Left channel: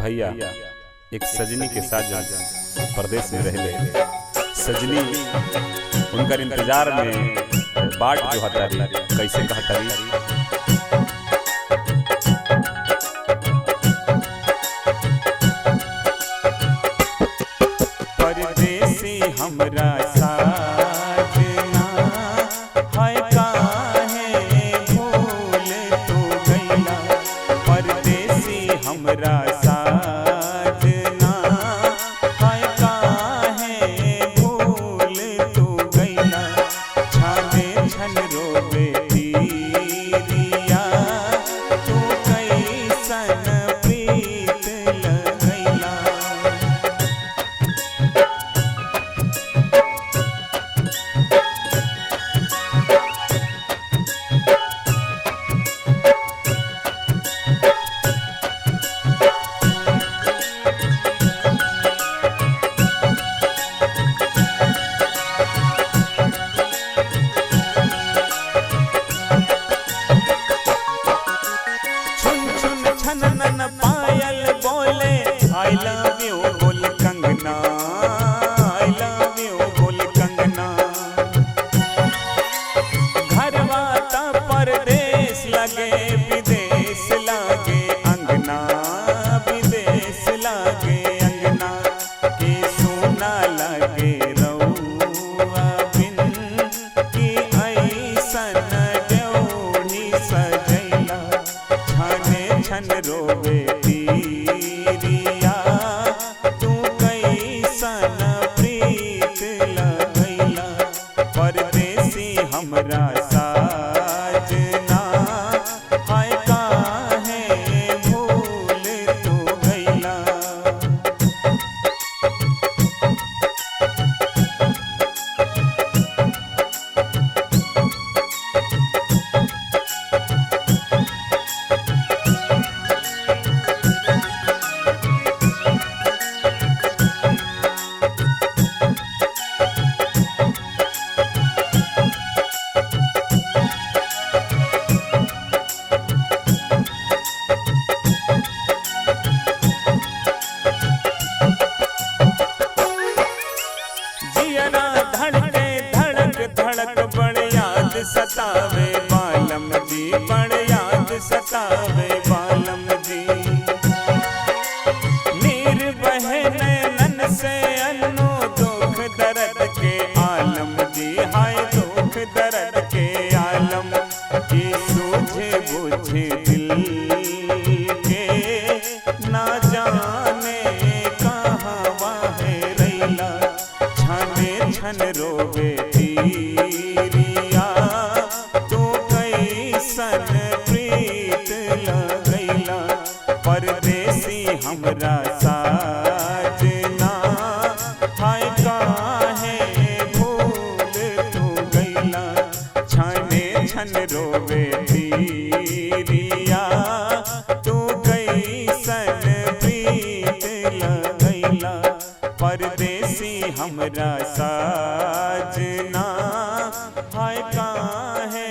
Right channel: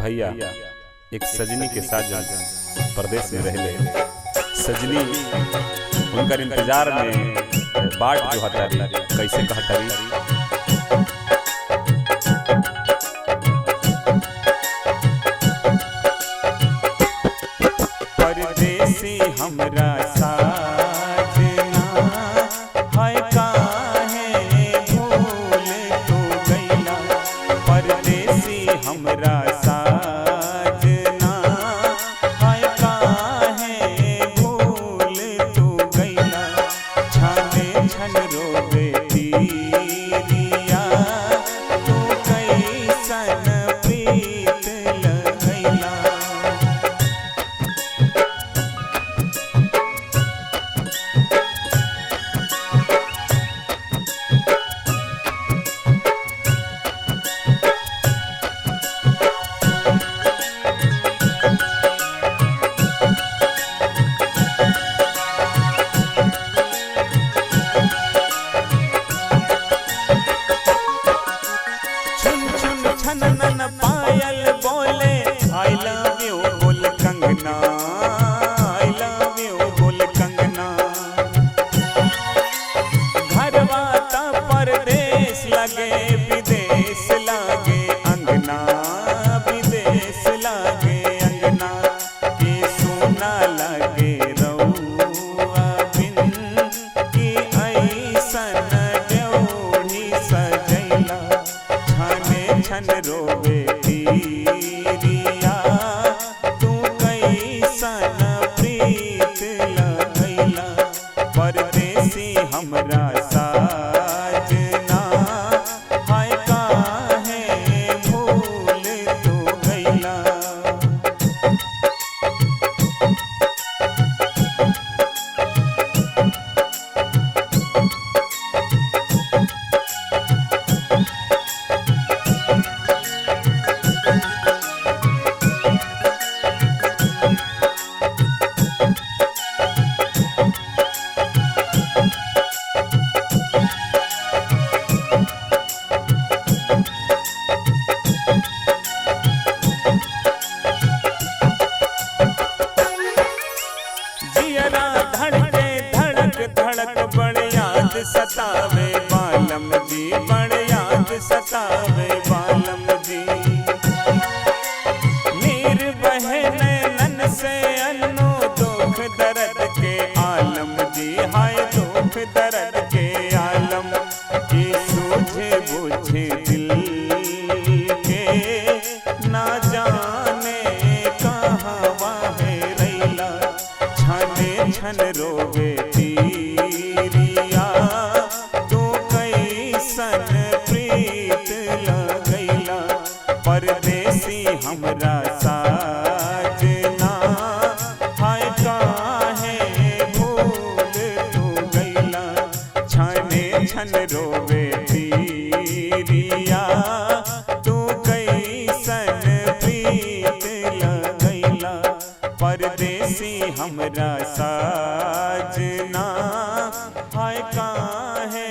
भैया एक सजनी के साथ परदेश में रहले। सजनी उनकर इंतजार में बाट जो हतारी कैसे कहतारी। परदेसी हमरा साजना है काहे भूल तो गईला। परदेसी हमरा साजना है काहे भूल तो गईला। छाने छन रोवे तीरिया तू कैसन प्रीत लगैला। छननन पायल बोले आई लव यू बोल कंगना, आई लव यू बोल कंगना। घरवा ता परदेश लगे विदेश लागे अंगना, विदेश लागे अंगना। के सोना लगे रउआ बिन की ऐसन ड्योढ़ी सजैला। छाने छन रोवे तीरिया तू कैसन प्रीत लगैला। परदेसी हमरा साजना है काहे भूल तो गईला। जियरा धड़के धड़क धड़क बड़ याद सतावे बालम जी, बड़ याद सतावे बालम जी। नीर बहे नैनन से अन्नो दुख दर्द के आलम जी, हाय दुख दर्द के आलम। की सूझे बूझे दिल के ना जाने कहाँ है रैला। छाने छन रोवे तीरिया तू कैसन प्रीत लगैला। परदेसी हमरा साजना है काहे भूल तो गईला। छाने छन रोवे तीरिया तू कैसन प्रीत लगैला। परदेसी हमरा साजना है काहे